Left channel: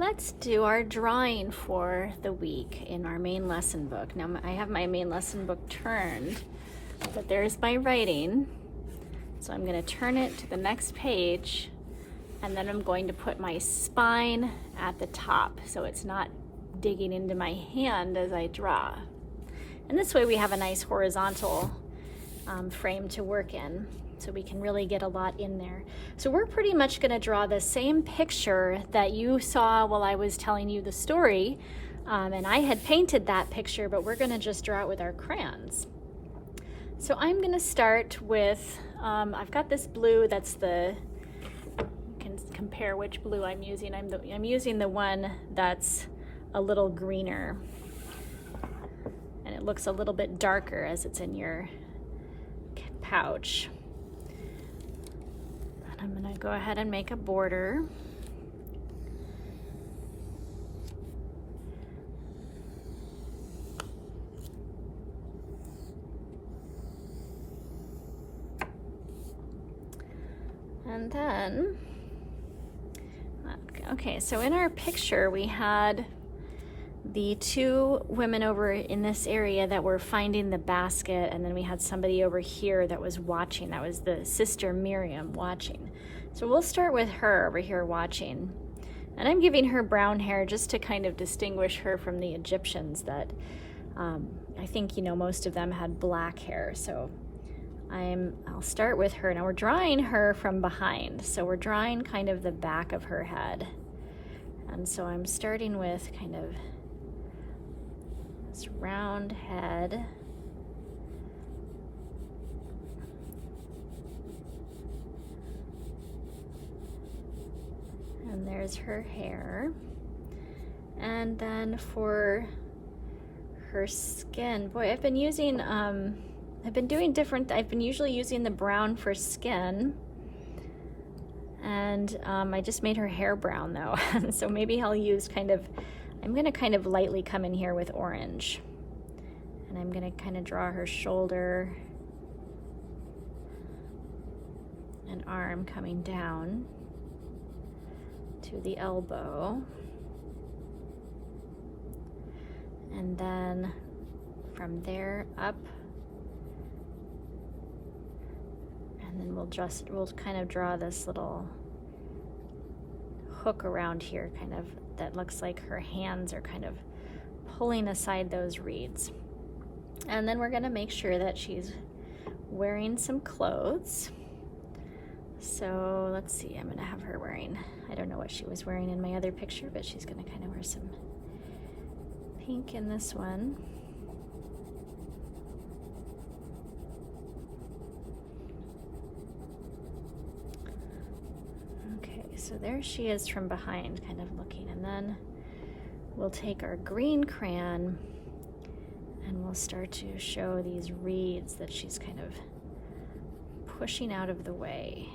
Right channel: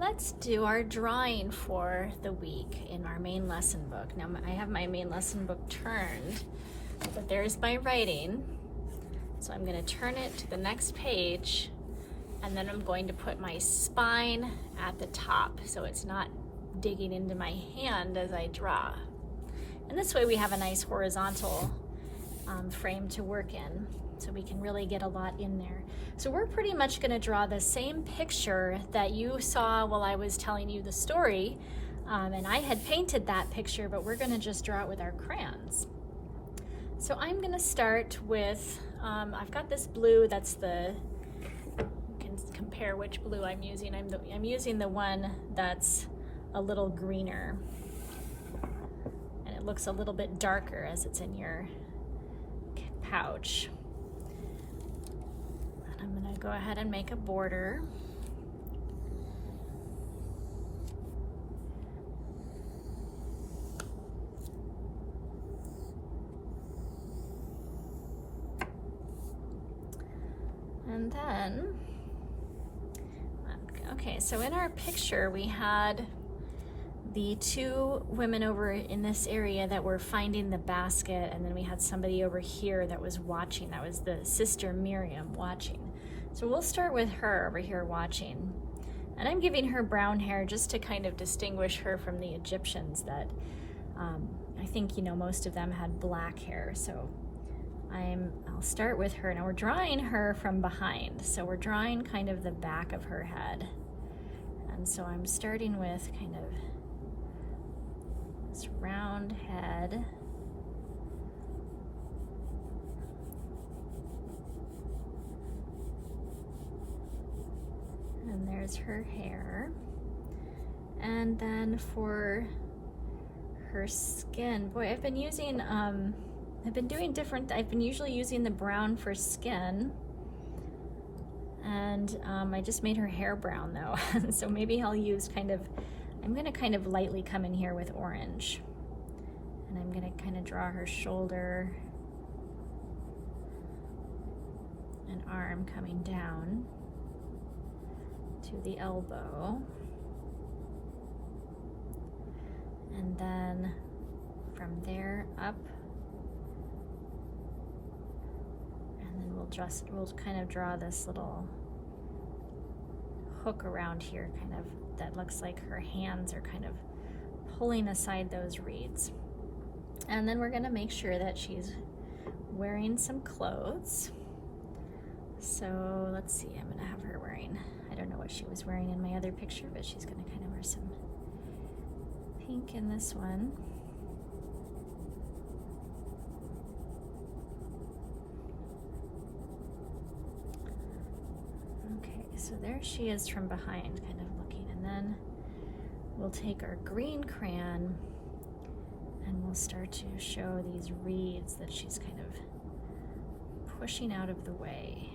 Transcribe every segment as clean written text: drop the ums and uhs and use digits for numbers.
Let's do our drawing for the week in our main lesson book. Now I have my main lesson book turned, but there's my writing. So I'm going to turn it to the next page, and then I'm going to put my spine at the top so it's not digging into my hand as I draw. And this way we have a nice horizontal frame to work in, so we can really get a lot in there. So we're pretty much going to draw the same picture that you saw while I was telling you the story, and I had painted that picture, but we're going to just draw it with our crayons. So I'm going to start with, I've got this blue, that's the, can compare which blue I'm using. I'm using the one that's a little greener, and it looks a little bit darker as it's in your pouch. And I'm going to go ahead and make a border. And then, okay, so in our picture we had the two women over in this area that were finding the basket, and then we had somebody over here that was watching. That was the sister Miriam watching. So we'll start with her over here watching. And I'm giving her brown hair just to kind of distinguish her from the Egyptians that I think, you know, most of them had black hair. So I'll start with her. Now we're drawing her from behind. So we're drawing kind of the back of her head. And so I'm starting with kind of this round head. And there's her hair. And then for her skin, boy, I've been using, I've been usually using the brown for skin. And I just made her hair brown though. So maybe I'll use I'm gonna kind of lightly come in here with orange. And I'm gonna kind of draw her shoulder and arm coming down to the elbow. And then from there up, and then we'll kind of draw this little hook around here, kind of, that looks like her hands are kind of pulling aside those reeds. And then we're going to make sure that she's wearing some clothes. So let's see, I'm going to have her wearing, I don't know what she was wearing in my other picture, but she's going to kind of wear some pink in this one. So there she is from behind, kind of looking, and then we'll take our green crayon and we'll start to show these reeds that she's kind of pushing out of the way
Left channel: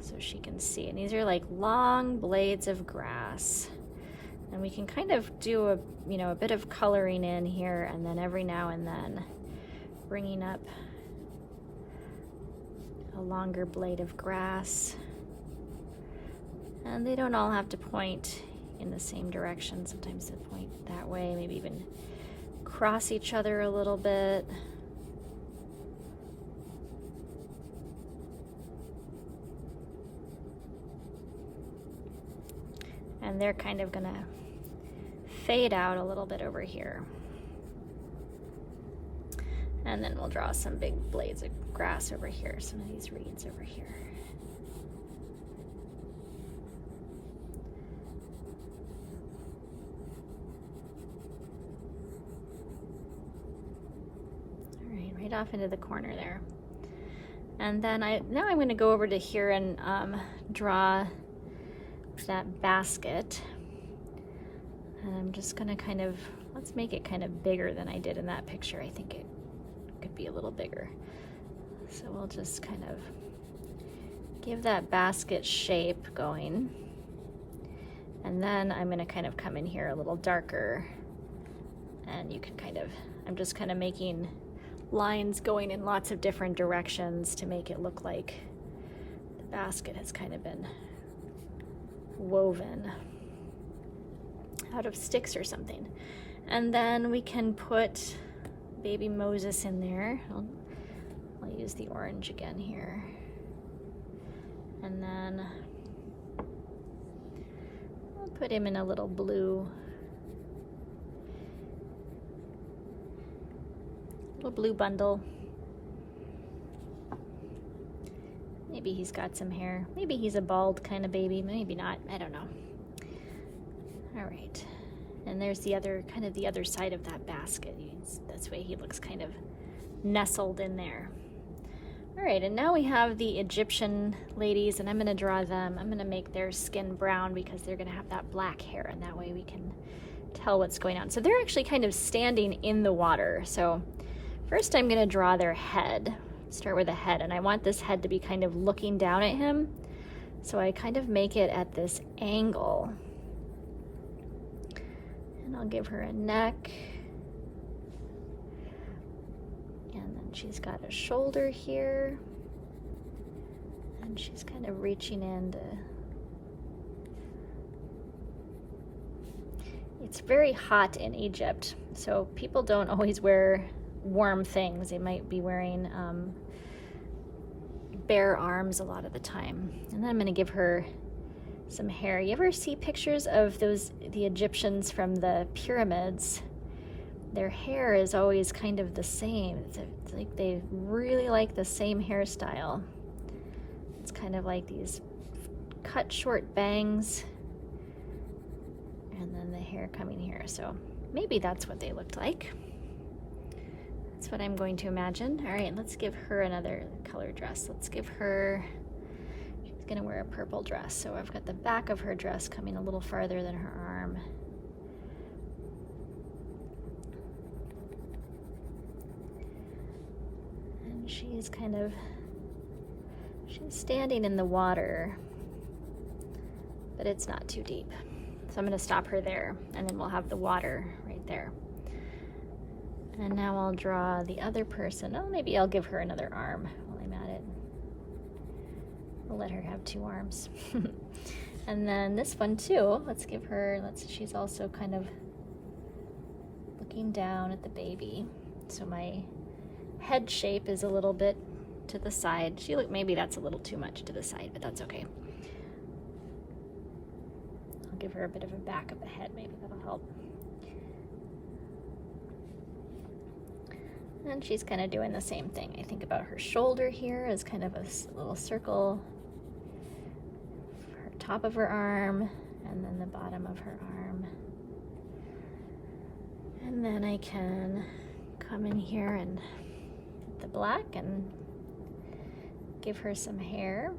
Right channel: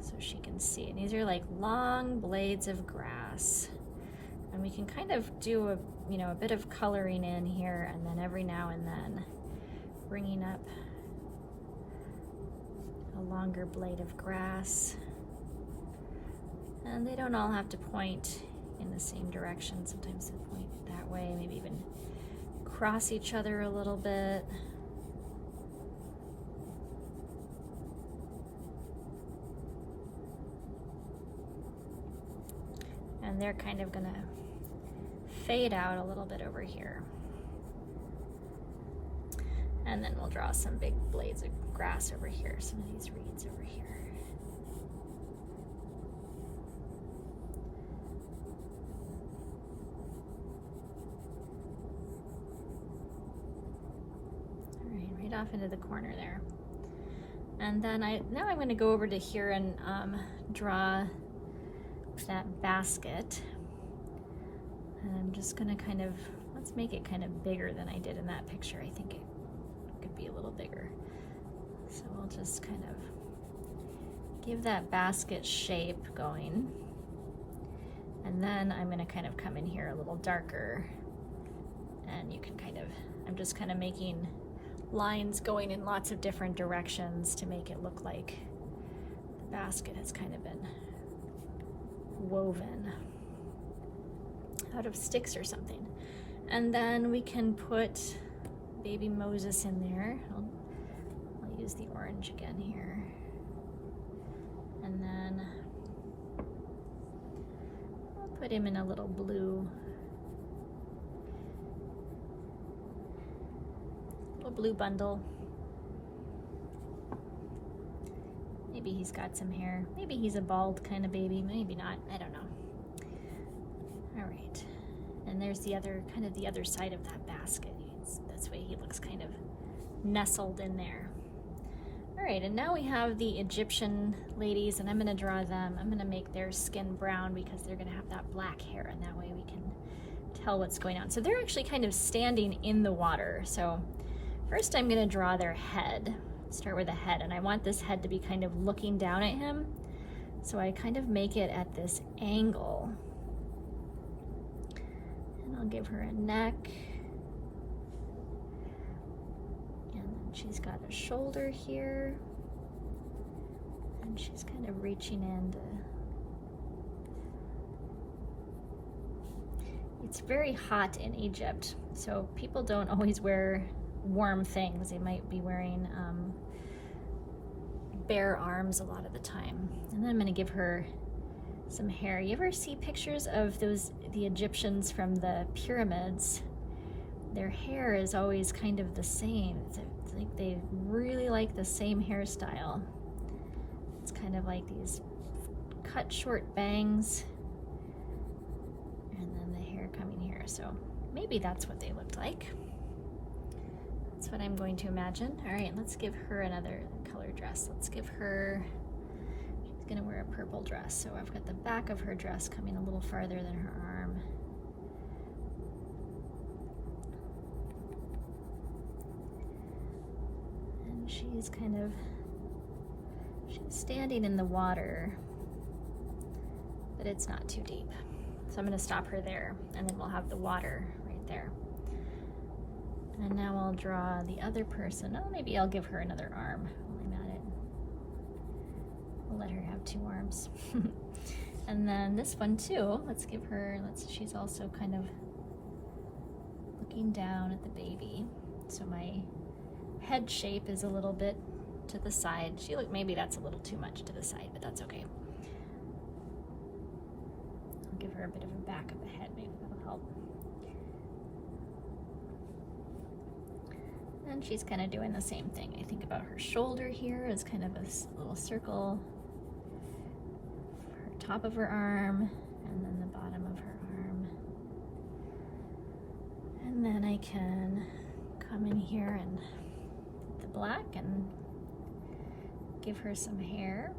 so she can see. And these are like long blades of grass, and we can kind of do a bit of coloring in here, and then every now and then bringing up a longer blade of grass. And they don't all have to point in the same direction. Sometimes they point that way, maybe even cross each other a little bit. And they're kind of gonna fade out a little bit over here. And then we'll draw some big blades of grass over here, some of these reeds over here. Off into the corner there. And then now I'm going to go over to here and draw that basket. And I'm just going to let's make it kind of bigger than I did in that picture. I think it could be a little bigger. So we'll just kind of give that basket shape going. And then I'm going to kind of come in here a little darker. And you can I'm just kind of making lines going in lots of different directions to make it look like the basket has kind of been woven. out of sticks or something. And then we can put baby Moses in there. I'll use the orange again here. And then put him in a little blue bundle. Maybe he's got some hair. Maybe he's a bald kind of baby. Maybe not. I don't know. All right. And there's the other side of that basket. That's why he looks kind of nestled in there. All right, and now we have the Egyptian ladies, and I'm going to draw them. I'm going to make their skin brown because they're going to have that black hair, and that way we can tell what's going on. So they're actually kind of standing in the water. So first I'm going to draw their head. Start with the head, and I want this head to be kind of looking down at him. So I kind of make it at this angle. And I'll give her a neck. She's got a shoulder here, and she's kind of reaching in to... It's very hot in Egypt, so people don't always wear warm things. They might be wearing bare arms a lot of the time. And then I'm going to give her some hair. You ever see pictures of the Egyptians from the pyramids? Their hair is always kind of the same. It's like they really like the same hairstyle. It's kind of like these cut short bangs and then the hair coming here. So maybe that's what they looked like. That's what I'm going to imagine. All right, let's give her another color dress. Let's give her, she's gonna wear a purple dress. So I've got the back of her dress coming a little farther than her arm. She's standing in the water, but it's not too deep. So I'm going to stop her there, and then we'll have the water right there. And now I'll draw the other person. Oh, maybe I'll give her another arm while I'm at it. We'll let her have 2 arms. And then this one too, she's also kind of looking down at the baby. So my head shape is a little bit to the side. Maybe that's a little too much to the side, but that's okay. I'll give her a bit of a back of the head, maybe that'll help. And she's kind of doing the same thing. I think about her shoulder here as kind of a little circle, her top of her arm, and then the bottom of her arm. And then I can come in here and the black and give her some hair.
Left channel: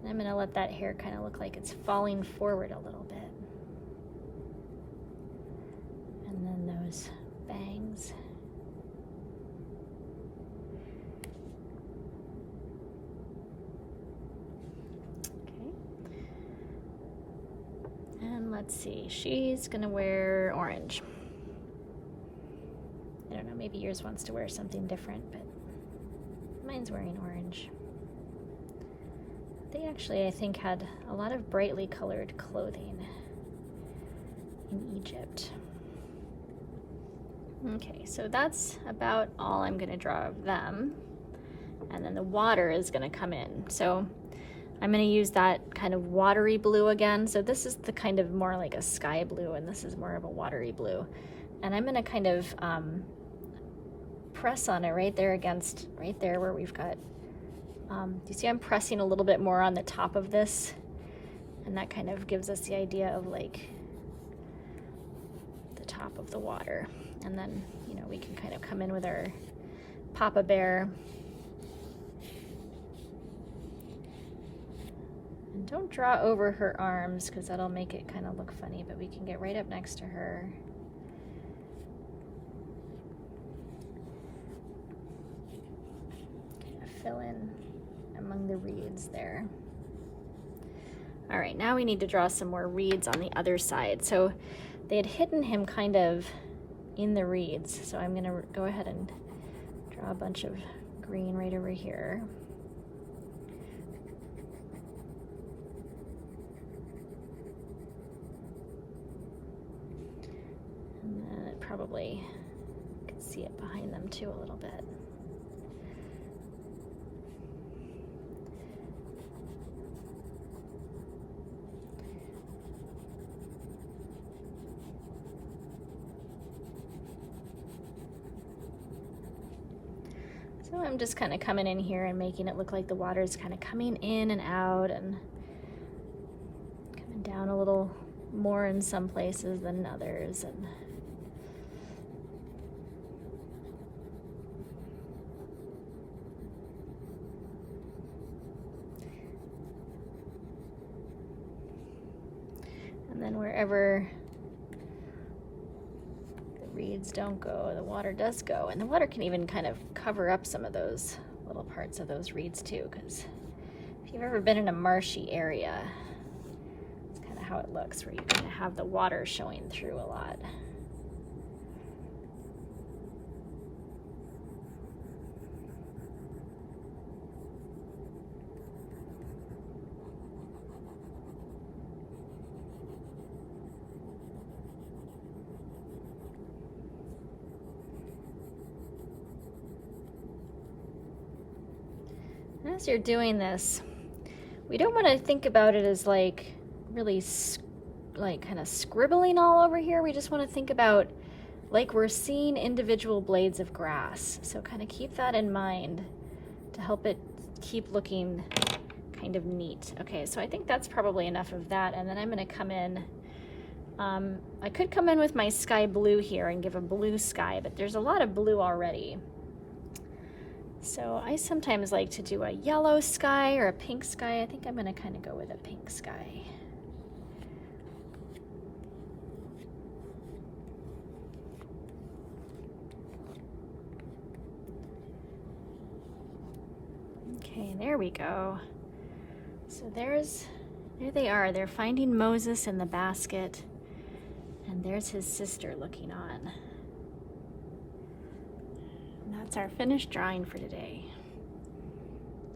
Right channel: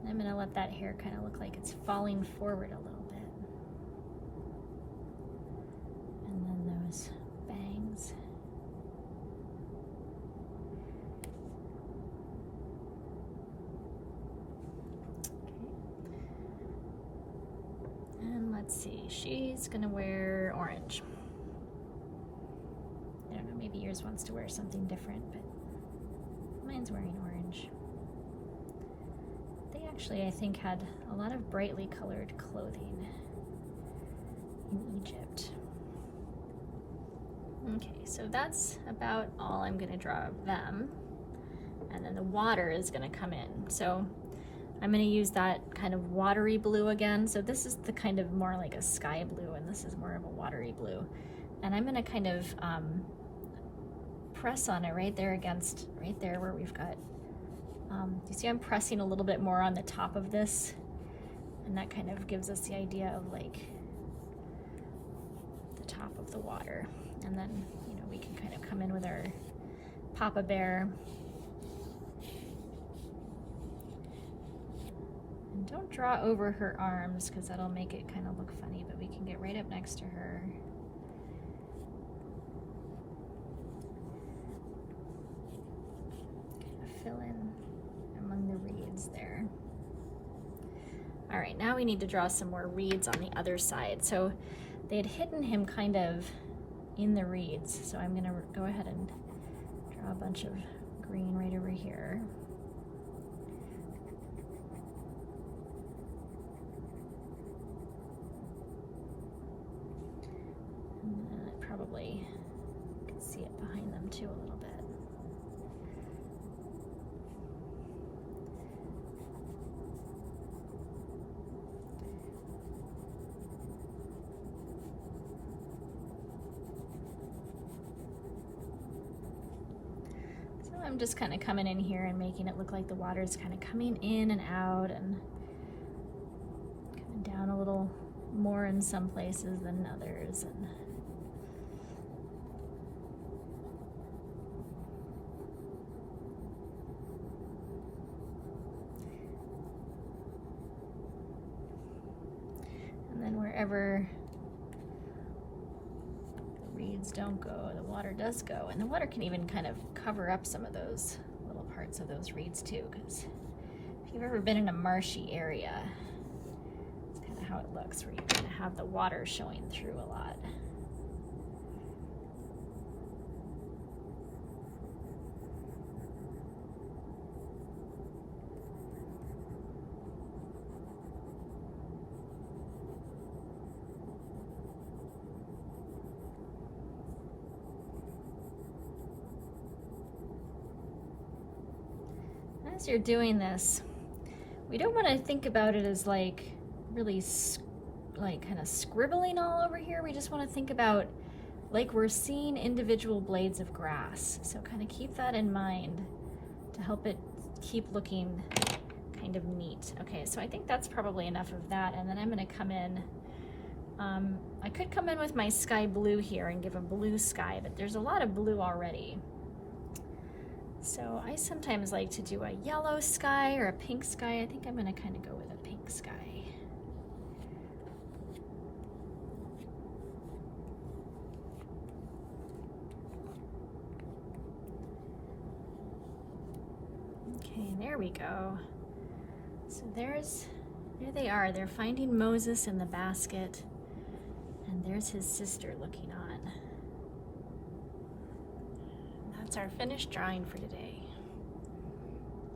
And I'm going to let that hair kind of look like it's falling forward a little bit. And then those bangs. Okay. And let's see, she's going to wear orange. I don't know, maybe yours wants to wear something different, but mine's wearing orange. They actually, I think, had a lot of brightly colored clothing in Egypt. Okay, so that's about all I'm going to draw of them. And then the water is going to come in. So I'm going to use that kind of watery blue again. So this is the kind of more like a sky blue, and this is more of a watery blue. And I'm going to kind of press on it right there where we've got, you see I'm pressing a little bit more on the top of this, and that kind of gives us the idea of like the top of the water. And then, we can kind of come in with our Papa Bear. And don't draw over her arms because that'll make it kind of look funny, but we can get right up next to her. Fill in among the reeds there. All right, now we need to draw some more reeds on the other side. So they had hidden him kind of in the reeds. So I'm gonna go ahead and draw a bunch of green right over here. probably can see it behind them too a little bit. So I'm just kind of coming in here and making it look like the water is kind of coming in and out and coming down a little more in some places than others. And then wherever reeds don't go, the water does go, and the water can even kind of cover up some of those little parts of those reeds too, because if you've ever been in a marshy area, it's kind of how it looks, where you kind of have the water showing through a lot. As you're doing this, we don't want to think about it as like really like kind of scribbling all over here. We just want to think about like we're seeing individual blades of grass. So kind of keep that in mind to help it keep looking kind of neat. Okay, so I think that's probably enough of that, and then I'm going to come in. I could come in with my sky blue here and give a blue sky, but there's a lot of blue already. So I sometimes like to do a yellow sky or a pink sky. I think I'm going to kind of go with a pink sky. Okay, there we go. So there they are. They're finding Moses in the basket, and there's his sister looking on. That's our finished drawing for today.